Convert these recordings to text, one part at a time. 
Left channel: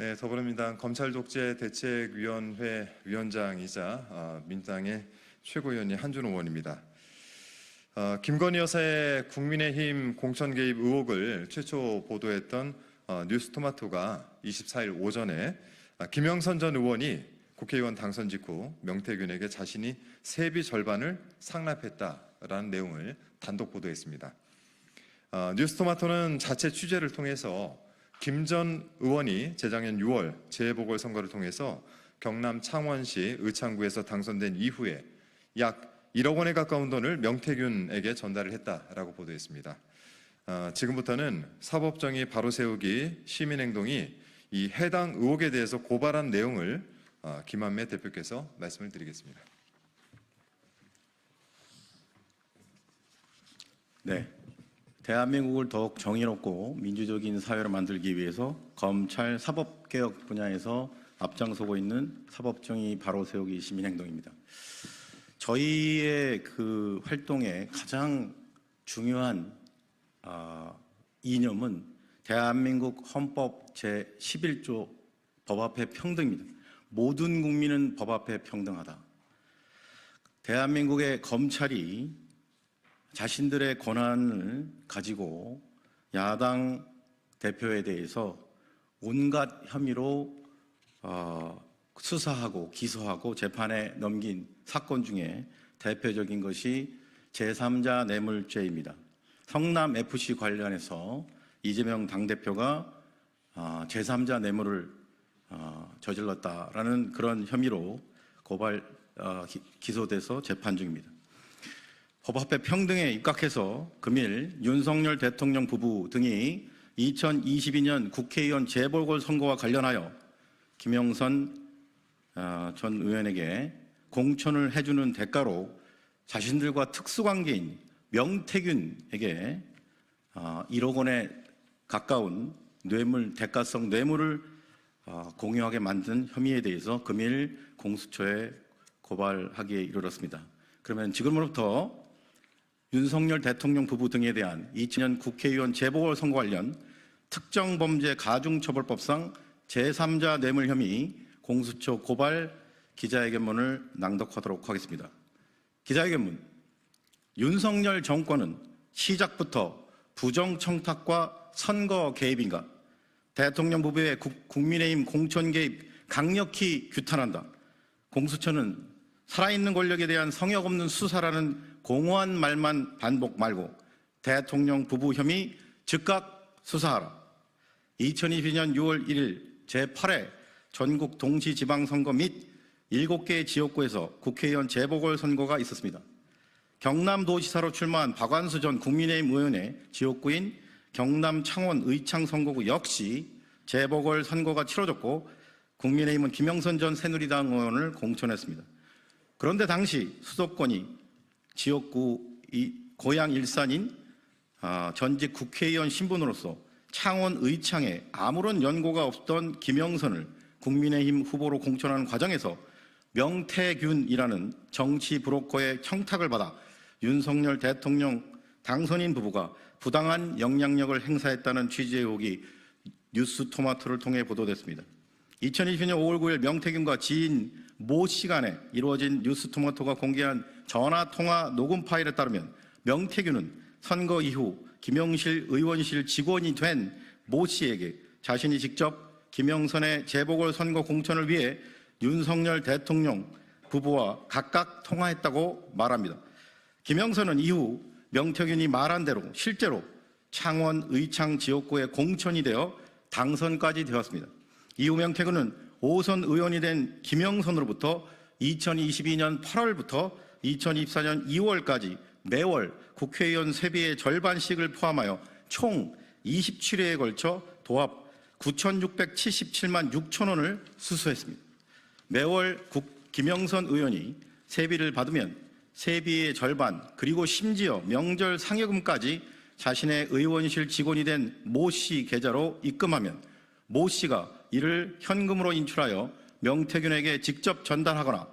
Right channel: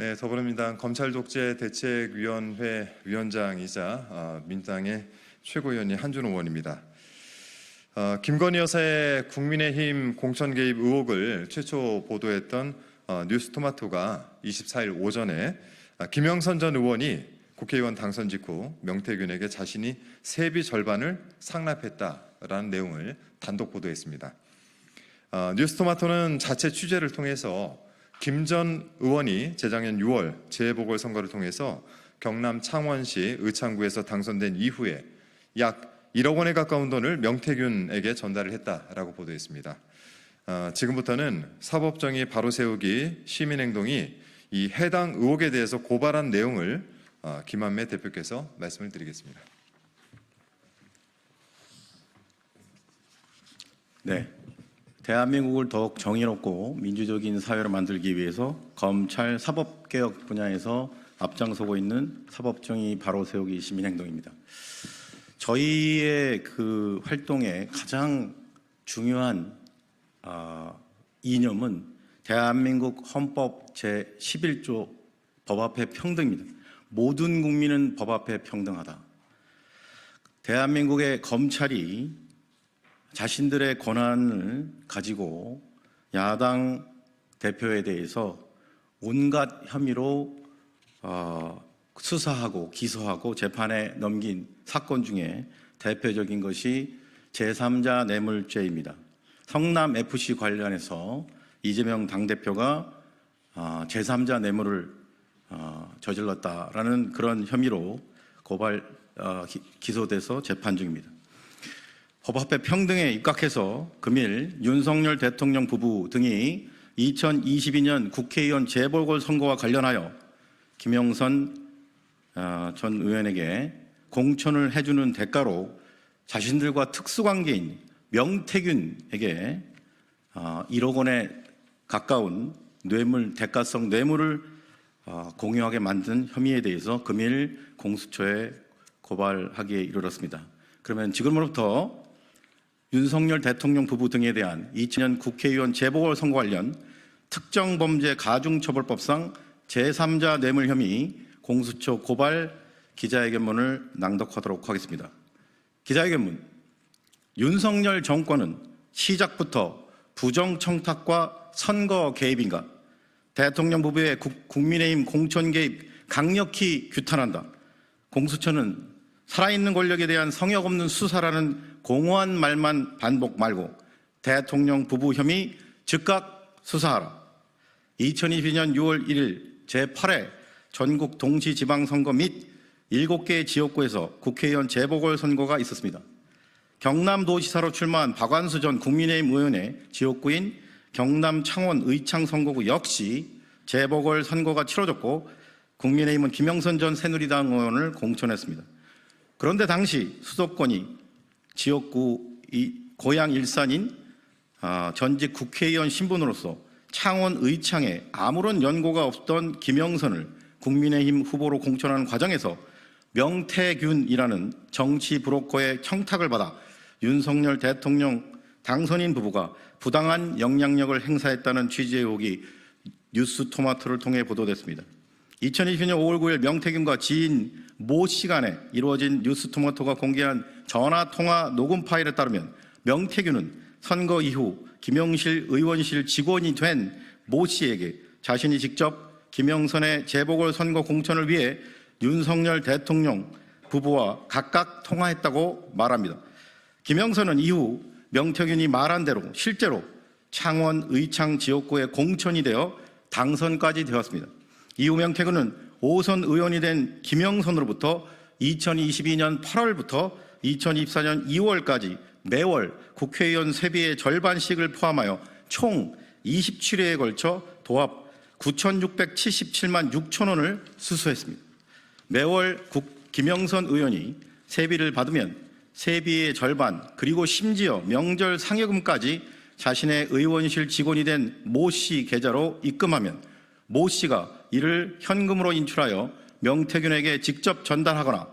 네, 더불어민주당 검찰독재대책위원회 위원장이자 민주당의 최고위원인 한준호 의원입니다. 김건희 여사의 국민의힘 공천 개입 의혹을 최초 보도했던 뉴스토마토가 24일 오전에 김영선 전 의원이 국회의원 당선 직후 명태균에게 자신이 세비 절반을 상납했다라는 내용을 단독 보도했습니다. 뉴스토마토는 자체 취재를 통해서 김 전 의원이 재작년 6월 재보궐선거를 통해서 경남 창원시 의창구에서 당선된 이후에 약 1억 원에 가까운 돈을 명태균에게 전달을 했다라고 보도했습니다. 지금부터는 사법정의 바로 세우기 시민행동이 이 해당 의혹에 대해서 고발한 내용을 김한매 대표께서 말씀을 드리겠습니다. 네, 대한민국을 더욱 정의롭고 민주적인 사회로 만들기 위해서 검찰 사법개혁 분야에서 앞장서고 있는 사법정의 바로 세우기 시민행동입니다. 저희의 그 활동의 가장 중요한 이념은 대한민국 헌법 제11조 법 앞에 평등입니다. 모든 국민은 법 앞에 평등하다. 대한민국의 검찰이 자신들의 권한을 가지고 야당 대표에 대해서 온갖 혐의로 수사하고 기소하고 재판에 넘긴 사건 중에 대표적인 것이 제3자 뇌물죄입니다. 성남FC 관련해서 이재명 당대표가 제3자 뇌물을 저질렀다라는 그런 혐의로 기소돼서 재판 중입니다. 법 앞에 평등에 입각해서 금일 윤석열 대통령 부부 등이 2022년 국회의원 재보궐선거와 관련하여 김영선 전 의원에게 공천을 해주는 대가로 자신들과 특수관계인 명태균에게 1억 원에 가까운 대가성 뇌물을 공유하게 만든 혐의에 대해서 금일 공수처에 고발하기에 이르렀습니다. 그러면 지금으로부터 윤석열 대통령 부부 등에 대한 2000년 국회의원 재보궐선거 관련 특정범죄 가중처벌법상 제3자 뇌물 혐의 공수처 고발 기자회견문을 낭독하도록 하겠습니다. 기자회견문. 윤석열 정권은 시작부터 부정청탁과 선거 개입인가? 대통령 부부의 국민의힘 공천 개입 강력히 규탄한다. 공수처는 살아있는 권력에 대한 성역 없는 수사라는 공허한 말만 반복 말고 대통령 부부 혐의 즉각 수사하라. 2022년 6월 1일 제8회 전국 동시지방선거 및 7개 지역구에서 국회의원 재보궐선거가 있었습니다. 경남도지사로 출마한 박완수 전 국민의힘 의원의 지역구인 경남 창원 의창 선거구 역시 재보궐선거가 치러졌고 국민의힘은 김영선 전 새누리당 의원을 공천했습니다. 그런데 당시 수도권이 지역구 고향 일산인 전직 국회의원 신분으로서 창원 의창에 아무런 연고가 없던 김영선을 국민의힘 후보로 공천하는 과정에서 명태균이라는 정치 브로커의 청탁을 받아 윤석열 대통령 당선인 부부가 부당한 영향력을 행사했다는 취지의 의혹이 뉴스토마토를 통해 보도됐습니다. 2020년 5월 9일 명태균과 지인 모 씨 간에 이루어진 뉴스토마토가 공개한 전화통화 녹음 파일에 따르면 명태균은 선거 이후 김영실 의원실 직원이 된 모 씨에게 자신이 직접 김영선의 재보궐선거 공천을 위해 윤석열 대통령 부부와 각각 통화했다고 말합니다. 김영선은 이후 명태균이 말한 대로 실제로 창원 의창 지역구에 공천이 되어 당선까지 되었습니다. 이후 명태균은 5선 의원이 된 김영선으로부터 2022년 8월부터 2024년 2월까지 매월 국회의원 세비의 절반씩을 포함하여 총 27회에 걸쳐 도합 9,677만 6천 원을 수수했습니다. 매월 김영선 의원이 세비를 받으면 세비의 절반 그리고 심지어 명절 상여금까지 자신의 의원실 직원이 된 모 씨 계좌로 입금하면 모 씨가 이를 현금으로 인출하여 명태균에게 직접 전달하거나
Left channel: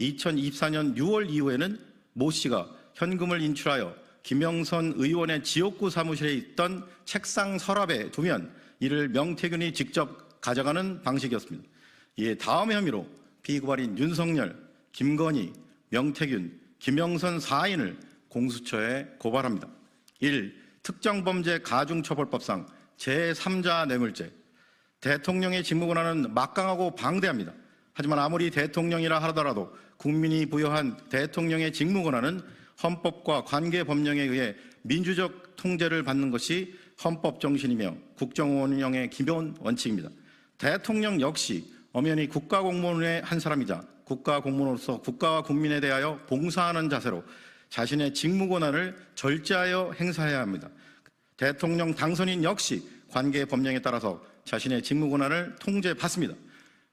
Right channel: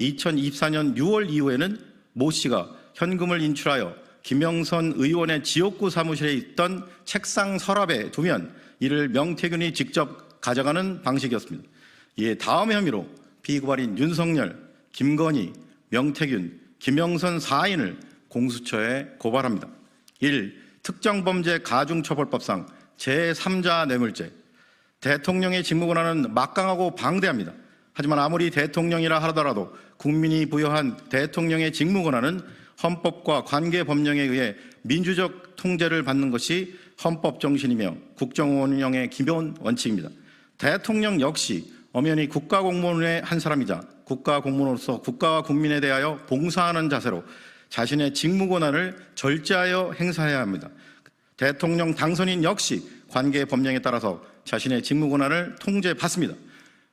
2024년 6월 이후에는 모 씨가 현금을 인출하여 김영선 의원의 지역구 사무실에 있던 책상 서랍에 두면 이를 명태균이 직접 가져가는 방식이었습니다. 이에 다음 혐의로 피고발인 윤석열, 김건희, 명태균, 김영선 4인을 공수처에 고발합니다. 1. 특정범죄 가중처벌법상 제3자 뇌물죄. 대통령의 직무권한은 막강하고 방대합니다. 하지만 아무리 대통령이라 하더라도 국민이 부여한 대통령의 직무권한은 헌법과 관계법령에 의해 민주적 통제를 받는 것이 헌법 정신이며 국정 운영의 기본 원칙입니다. 대통령 역시 엄연히 국가공무원의 한 사람이자 국가공무원으로서 국가와 국민에 대하여 봉사하는 자세로 자신의 직무권한을 절제하여 행사해야 합니다. 대통령 당선인 역시 관계법령에 따라서 자신의 직무권한을 통제받습니다.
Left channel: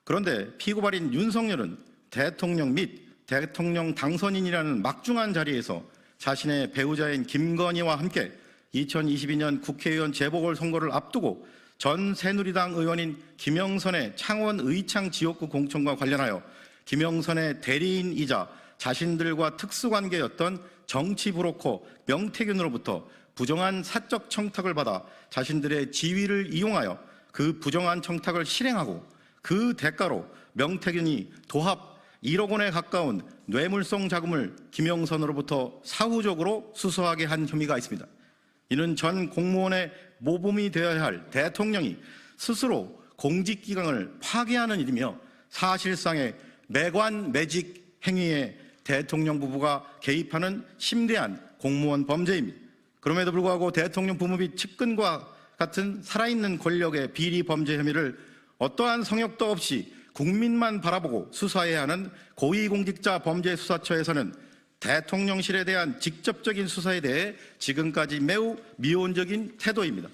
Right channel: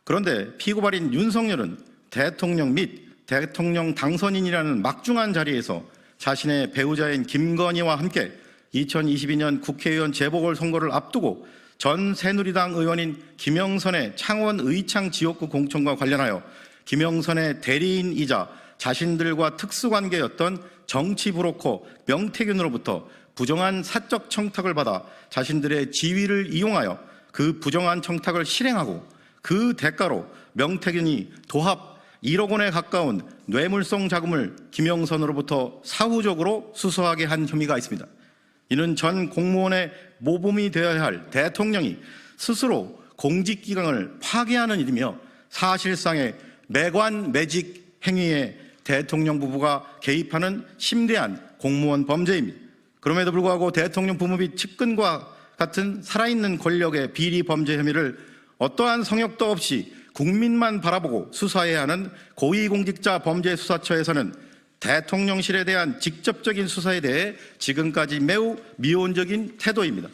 그런데 피고발인 윤석열은 대통령 및 대통령 당선인이라는 막중한 자리에서 자신의 배우자인 김건희와 함께 2022년 국회의원 재보궐선거를 앞두고 전 새누리당 의원인 김영선의 창원 의창 지역구 공천과 관련하여 김영선의 대리인이자 자신들과 특수관계였던 정치 브로커 명태균으로부터 부정한 사적 청탁을 받아 자신들의 지위를 이용하여 그 부정한 청탁을 실행하고 그 대가로 명태균이 도합 1억 원에 가까운 뇌물성 자금을 김영선으로부터 사후적으로 수수하게 한 혐의가 있습니다. 이는 전 공무원의 모범이 되어야 할 대통령이 스스로 공직기강을 파괴하는 일이며 사실상의 매관매직 행위에 대통령 부부가 개입하는 심대한 공무원 범죄입니다. 그럼에도 불구하고 대통령 부부 및 측근과 같은 살아있는 권력의 비리 범죄 혐의를 어떠한 성역도 없이 국민만 바라보고 수사해야 하는 고위공직자 범죄수사처에서는 대통령실에 대한 직접적인 수사에 대해 지금까지 매우 미온적인 태도입니다.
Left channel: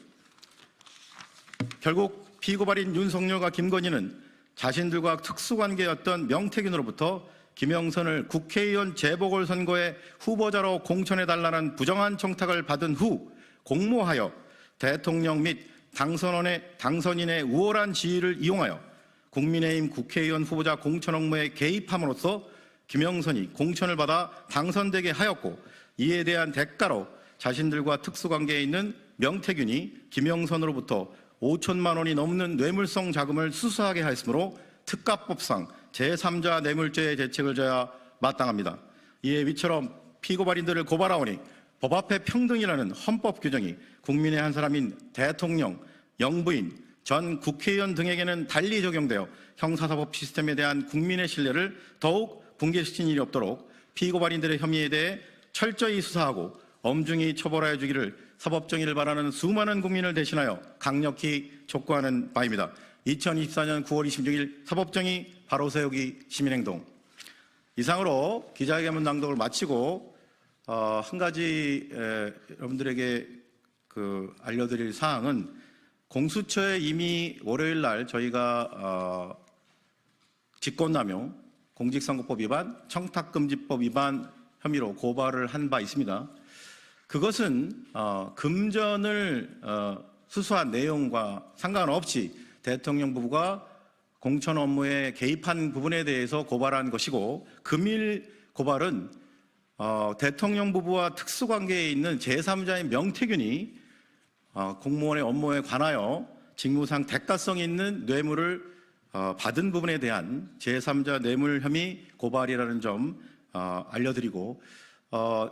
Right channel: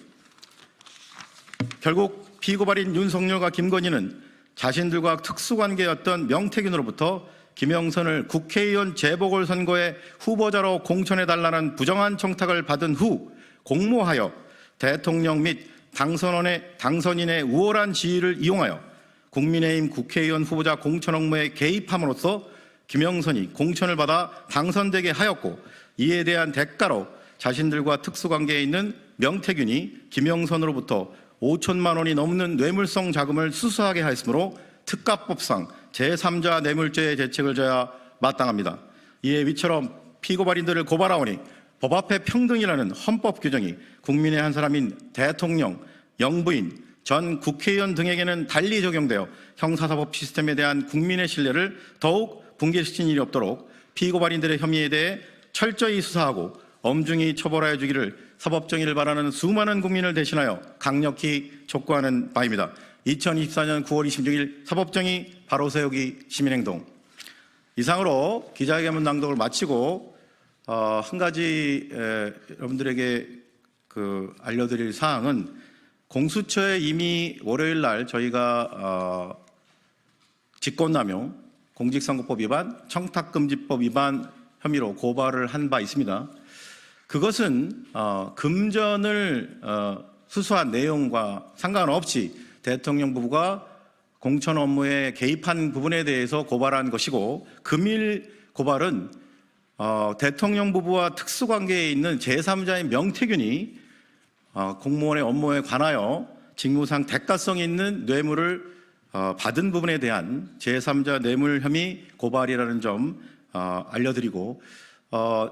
결국 피고발인 윤석열과 김건희는 자신들과 특수관계였던 명태균으로부터 김영선을 국회의원 재보궐선거에 후보자로 공천해달라는 부정한 청탁을 받은 후 공모하여 대통령 및 당선인의 우월한 지위를 이용하여 국민의힘 국회의원 후보자 공천 업무에 개입함으로써 김영선이 공천을 받아 당선되게 하였고, 이에 대한 대가로 자신들과 특수관계에 있는 명태균이 김영선으로부터 5천만 원이 넘는 뇌물성 자금을 수수하게 하였으므로 특가법상 제3자 뇌물죄의 죄책을 져야 마땅합니다. 이에 위처럼 피고발인들을 고발하오니 법 앞에 평등이라는 헌법 규정이 국민의 한 사람인 대통령, 영부인, 전 국회의원 등에게는 달리 적용되어 형사사법 시스템에 대한 국민의 신뢰를 더욱 붕괴시킨 일이 없도록 피고발인들의 혐의에 대해 철저히 수사하고 엄중히 처벌하여 주기를 사법정의를 바라는 수많은 국민을 대신하여 강력히 촉구하는 바입니다. 2024년 9월 26일 사법정의 바로세우기 시민행동. 이상으로 기자회견문 낭독을 마치고 한 가지 여러분들에게 알려드릴 사항은, 공수처에 이미 월요일 날 저희가 직권남용, 공직선거법 위반, 청탁금지법 위반 혐의로 고발을 한 바 있습니다. 그것은 금전을 수수한 내용과 상관없이 대통령 부부가 공천 업무에 개입한 부분에 대해서 고발한 것이고, 금일 고발은 대통령 부부와 특수관계에 있는 제3자인 명태균이 공무원의 업무에 관하여 직무상 대가성이 있는 뇌물을 받은 부분에 대한 제3자 뇌물 혐의 고발이라는 점 알려드리고,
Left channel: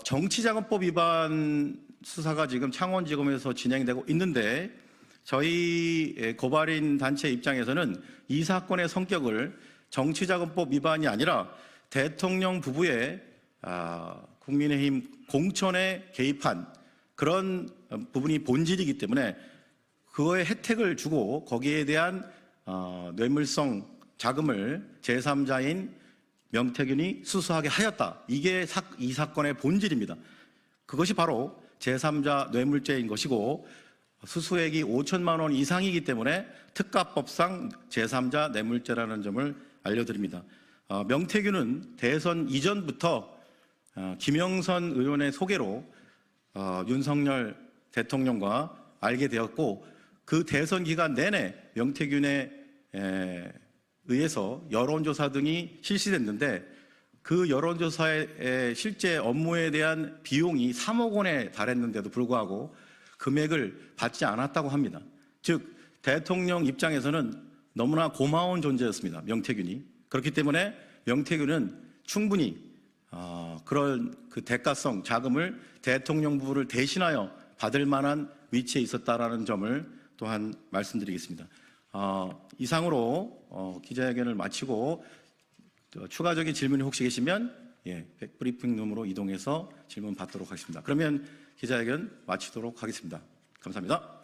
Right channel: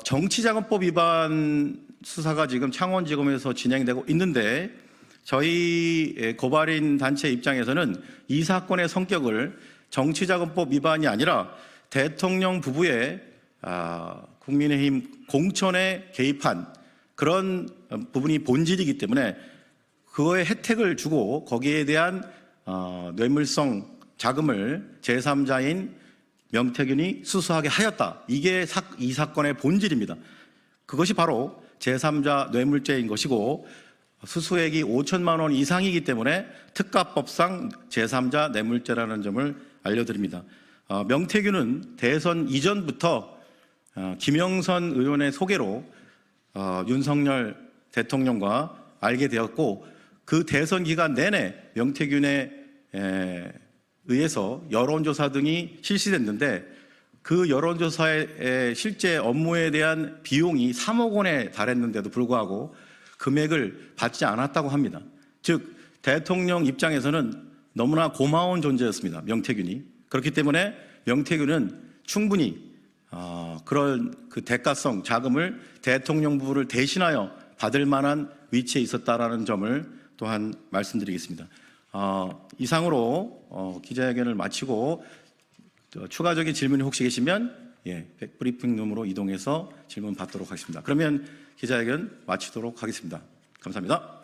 정치자금법 위반 수사가 지금 창원지검에서 진행되고 있는데, 저희 고발인 단체 입장에서는 이 사건의 성격을 정치자금법 위반이 아니라 대통령 부부의 국민의힘 공천에 개입한 그런 부분이 본질이기 때문에 그거에 혜택을 주고 거기에 대한 뇌물성 자금을 제3자인 명태균이 수수하게 하였다. 이게 이 사건의 본질입니다. 그것이 바로 제3자 뇌물죄인 것이고, 수수액이 5천만 원 이상이기 때문에 특가법상 제3자 뇌물죄라는 점을 알려드립니다. 명태균은 대선 이전부터 김영선 의원의 소개로 윤석열 대통령과 알게 되었고, 그 대선 기간 내내 명태균에 의해서 여론조사 등이 실시됐는데, 그 여론조사의 실제 업무에 대한 비용이 3억 원에 달했는데도 불구하고 금액을 받지 않았다고 합니다. 즉 대통령 입장에서는 너무나 고마운 존재였습니다. 명태균이. 그렇기 때문에 명태균은 충분히 그런 그 대가성 자금을 대통령부를 대신하여 받을 만한 위치에 있었다라는 점을 또한 말씀드리겠습니다. 이상으로 기자회견을 마치고 추가적인 질문이 혹시 계시면 백브리핑룸으로 이동해서 질문 받도록 하겠습니다. 그러면 기자회견 마치도록 하겠습니다. 감사합니다.